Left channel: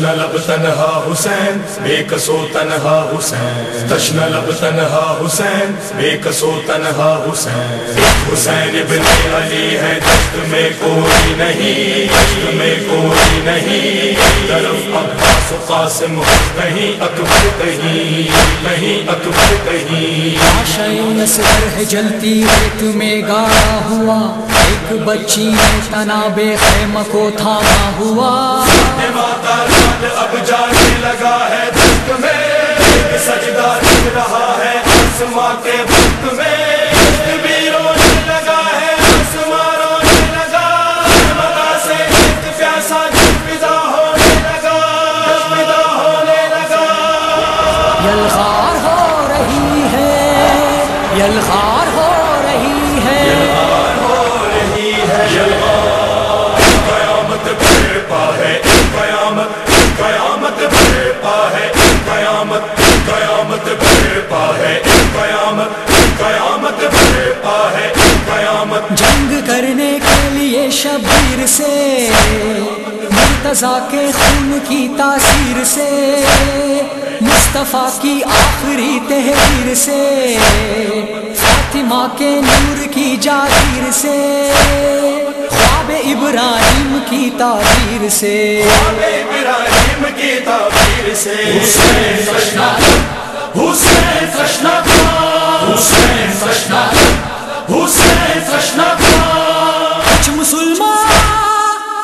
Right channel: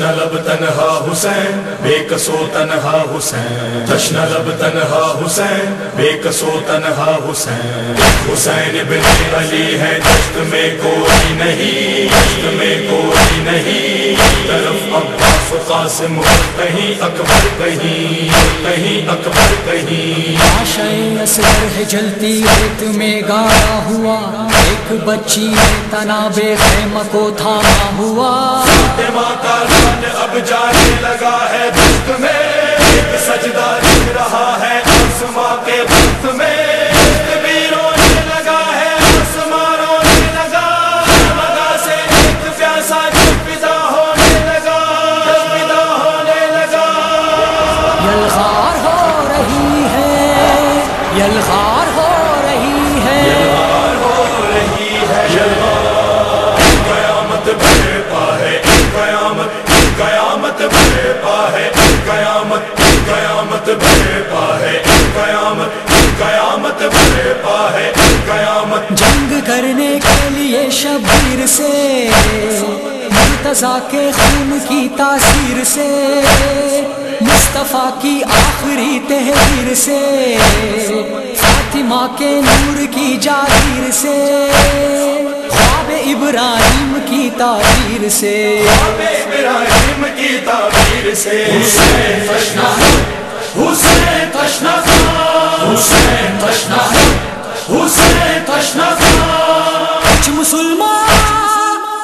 لب تنہا حسین بے کسو تنہا حسین تشن لب تنہا حسین بے کسو تنہا حسین حسین ابن علی ہے دشت میں کوئی نہیں دشت میں کوئی نہیں طرف عباس و قاسم کہیں اکبر کہیں اکبر کہیں لاشیں اصغر ہے جلتی ریت میں گاڑا ہوا ایک بچی نے تناب خیمہ کو تھاما ہوا اب جانے لگا ہے دشت میں ایک سجدہ دکھ رہا ہے آسماں کے وقت میں دشت بھی رونے لگا ہے آسماں رونے لگا مدا سے ایک پیاسا جذبہ ہونے لگا جذبہ ہونے لگا یلغار ہو رہی ہے یلغار ہو رہی ہے یلغار ہو رہی ہے یلغار قیامت برپا ہے قیامت قیامت برپا ہے قیامت قیامت برپا ہے قیامت قیامت برپا ہے قیامت جنگ کرنے کے لیے شبیر سے مرتضیٰ کے خون کی تاثیر سے مصطفیٰ کی آخری تحریر سے فاطمہ کے نور کی جاگیر سے خواب ابراہیم کی تعبیر سے خواب ابراہیم کی تعبیر سے حسین تشنا حسین تشنا حسین تشنا حسین تشنا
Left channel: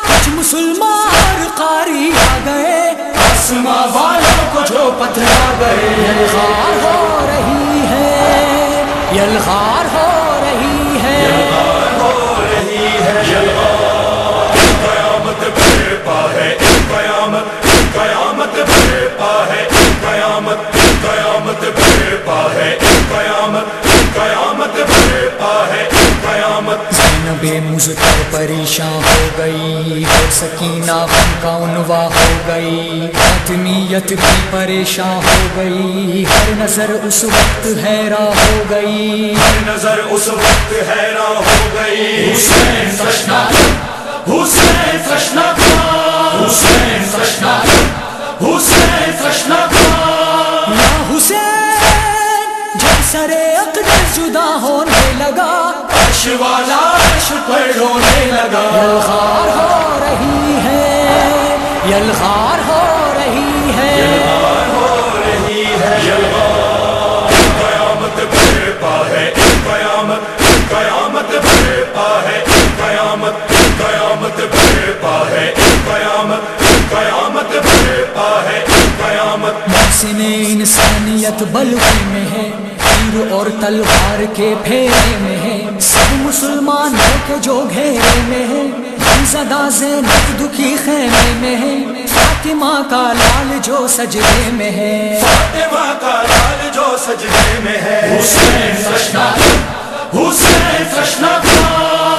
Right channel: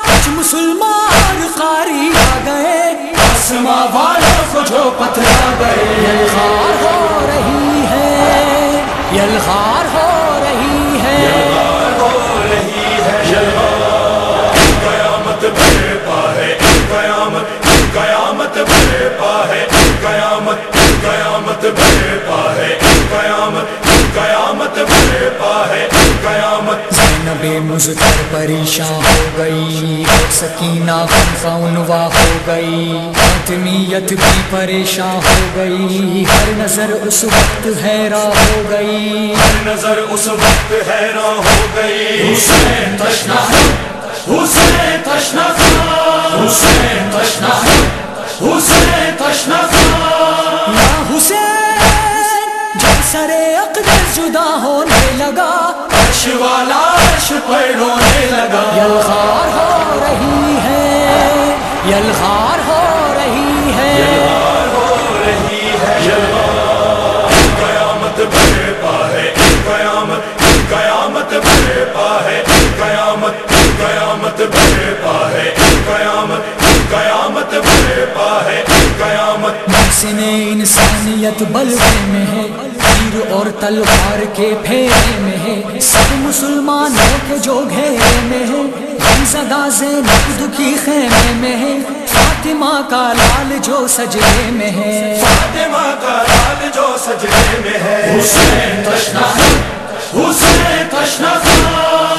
کچھ مسلمان قاری آ گئے آسماں والوں کو جو پتھرا گئے یلغار ہو رہی ہے یلغار ہو رہی ہے یلغار ہو رہی ہے یلغار قیامت برپا ہے قیامت قیامت برپا ہے قیامت قیامت برپا ہے قیامت قیامت برپا ہے قیامت زینب مضطر پریشان ہو گئی اور سکینہ غم کا عنوا ہو گئی فاطمیت بھی پریشان ہو گئی ہر نظر اس وقت حیران ہو گئی ہر نظر اس وقت حیران ہو گئی حسین تشنا حسین تشنا حسین تشنا حسین تشنا یا حسین جب سر اقدس جدا ہونے لگا عرش والا عرش پر رونے لگا یلغار ہو رہی ہے یلغار ہو رہی ہے یلغار ہو رہی ہے یلغار قیامت برپا ہے قیامت قیامت برپا ہے قیامت قیامت برپا ہے قیامت قیامت برپا ہے قیامت محسن انسانیت بلوے میں ہے تیر اور تلوار کے پھیرے میں ہے سب مسلمانوں کے جو گھیرے میں ہے غمزدہ زینب دکھی خیمے میں ہے فاطمہ کا لال جو سجدے میں ہے فاطمہ کا لال جو سجدے میں ہے حسین تشنا حسین تشنا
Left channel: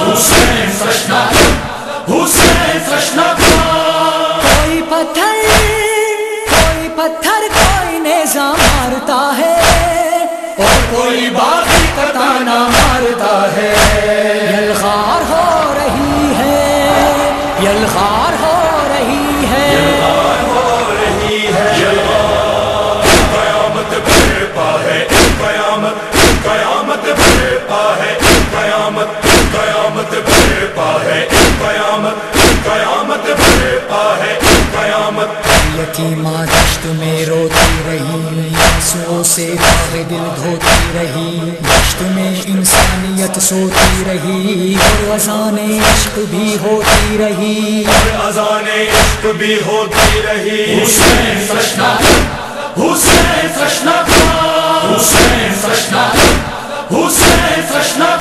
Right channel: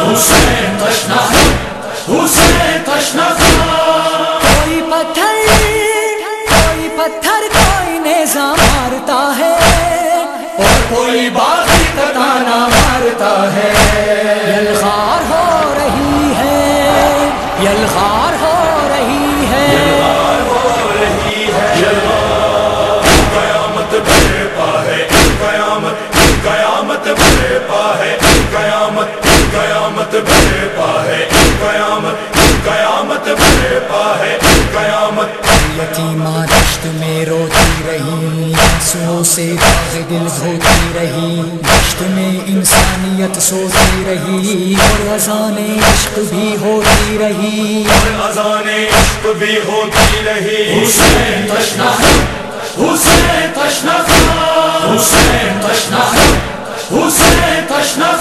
حسین تشنا حسین تشنا کوئی پتھر کوئی نیزہ مارتا ہے اور کوئی باغی کا تانا مارتا ہے یلغار ہو رہی ہے یلغار ہو رہی ہے یلغار ہو رہی ہے یلغار قیامت برپا ہے قیامت قیامت برپا ہے قیامت قیامت برپا ہے قیامت قیامت برپا ہے قیامت یتیمہ دشت میں روتی رہی آنسوؤں سے داغ دل دھوتی رہی دشت میں انسانیت سوتی رہی اور اذان عشق بھی ہوتی رہی اور اذان عشق بھی ہوتی رہی حسین تشنا حسین تشنا حسین تشنا حسین تشنا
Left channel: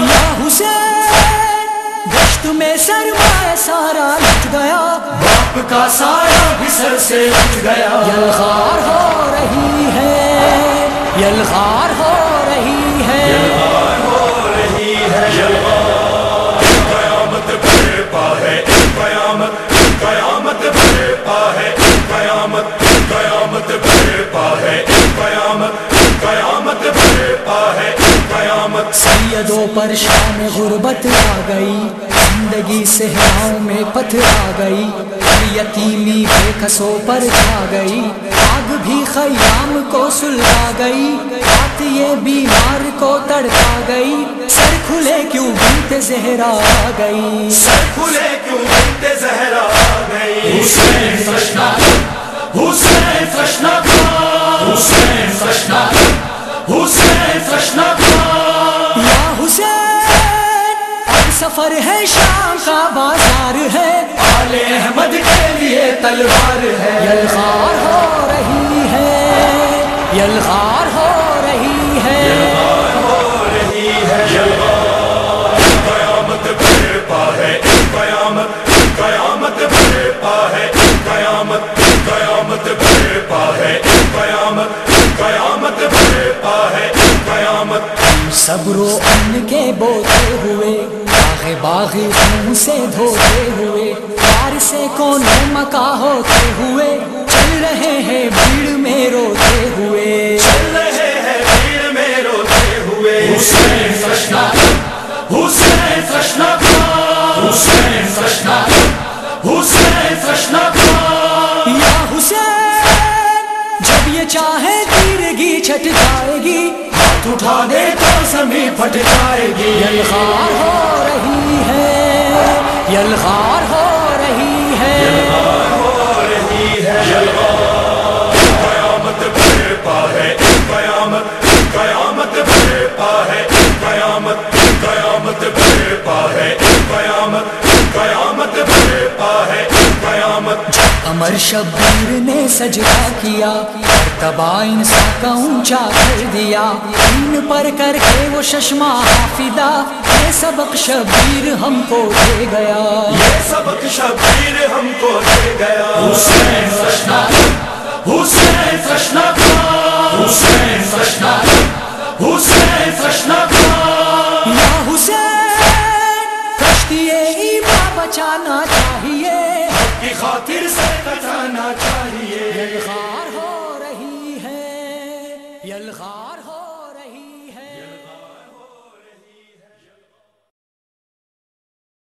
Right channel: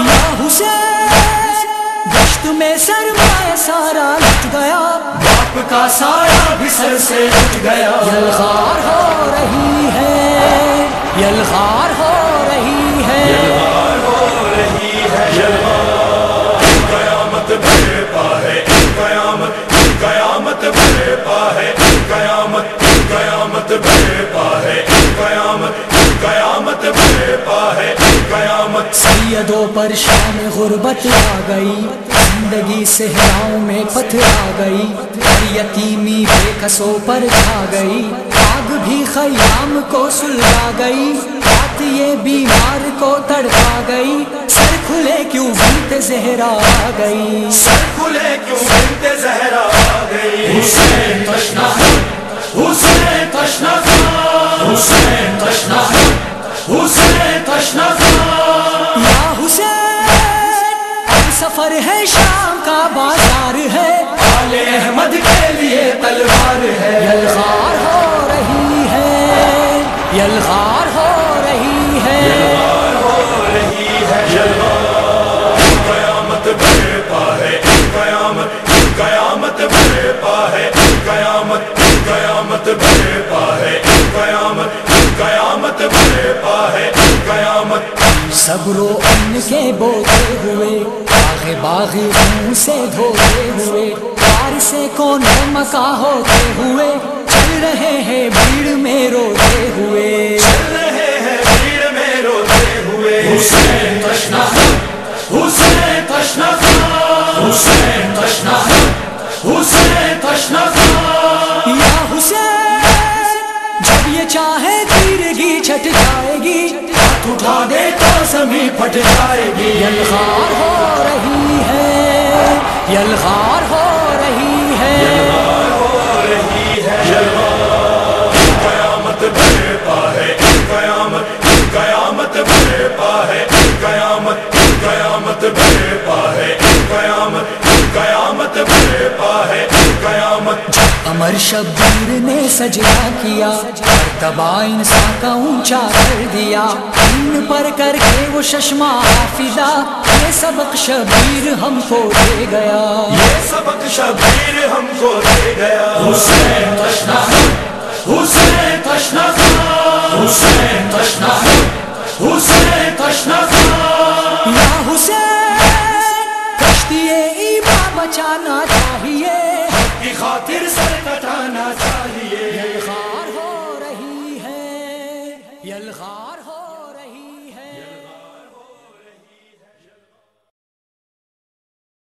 یا حسین دشت میں سرمایہ سارا لٹ گیا باپ کا سایہ بھی سر سے اٹھ گیا یلغار ہو رہی ہے یلغار ہو رہی ہے یلغار ہو رہی ہے یلغار قیامت برپا ہے قیامت قیامت برپا ہے قیامت قیامت برپا ہے قیامت قیامت برپا ہے قیامت سیدوں پر شام غربت آ گئی، زندگی صحراؤں میں پتھر آ گئی، اور یتیمی بے کسوں پر چھا گئی، آگ بھی خیام کو سلگا گئی، بات یہ بیمار کو تڑپا گئی، سر کھلے کیوں بنت زہرا آ گئی، سر کھلے کیوں بنت زہرا آ گئی، حسین تشنا حسین تشنا حسین تشنا حسین تشنا یا حسین اب سفر ہے شام کا بازار ہے، آل احمد کے لیے تلوار ہے، یلغار ہو رہی ہے، یلغار ہو رہی ہے، قیامت برپا ہے، قیامت قیامت برپا ہے، قیامت قیامت برپا ہے، قیامت قیامت برپا ہے، قیامت صبر و امن کے بوتے ہوئے، باغ باغی خون سے دھوتے ہوئے، پار سے کونے مکا ہوتے ہوئے، چل رہے ہیں بھیڑ میں روتے ہوئے، چل رہے ہیں بھیڑ میں روتے ہوئے، حسین تشنا حسین تشنا حسین تشنا حسین تشنا یا حسین جب یہ چاہے تیرگی چھٹ جائے گی، ہاتھ اٹھا دے تو زمین پھٹ جائے گی، یلغار ہو رہی ہے، یلغار ہو رہی ہے، ہو رہی ہے، قیامت برپا ہے، قیامت قیامت برپا ہے، قیامت قیامت برپا ہے، قیامت قیامت برپا ہے، قیامت امر شبیر نے سجدہ کیا، مرتبہ انسان کا اونچا کر دیا، دین پر کر کے وہ ششما حافظہ، یہ سبق شبیر ہم کو دے گیا، یہ سبق شبیر ہم کو دے گیا، حسین تشنا حسین تشنا حسین تشنا حسین تشنا یا حسین کشتی ایمان بچانا چاہیے، کی خاطر سر کٹانا چاہیے، یلغار ہو رہی ہے، یلغار ہو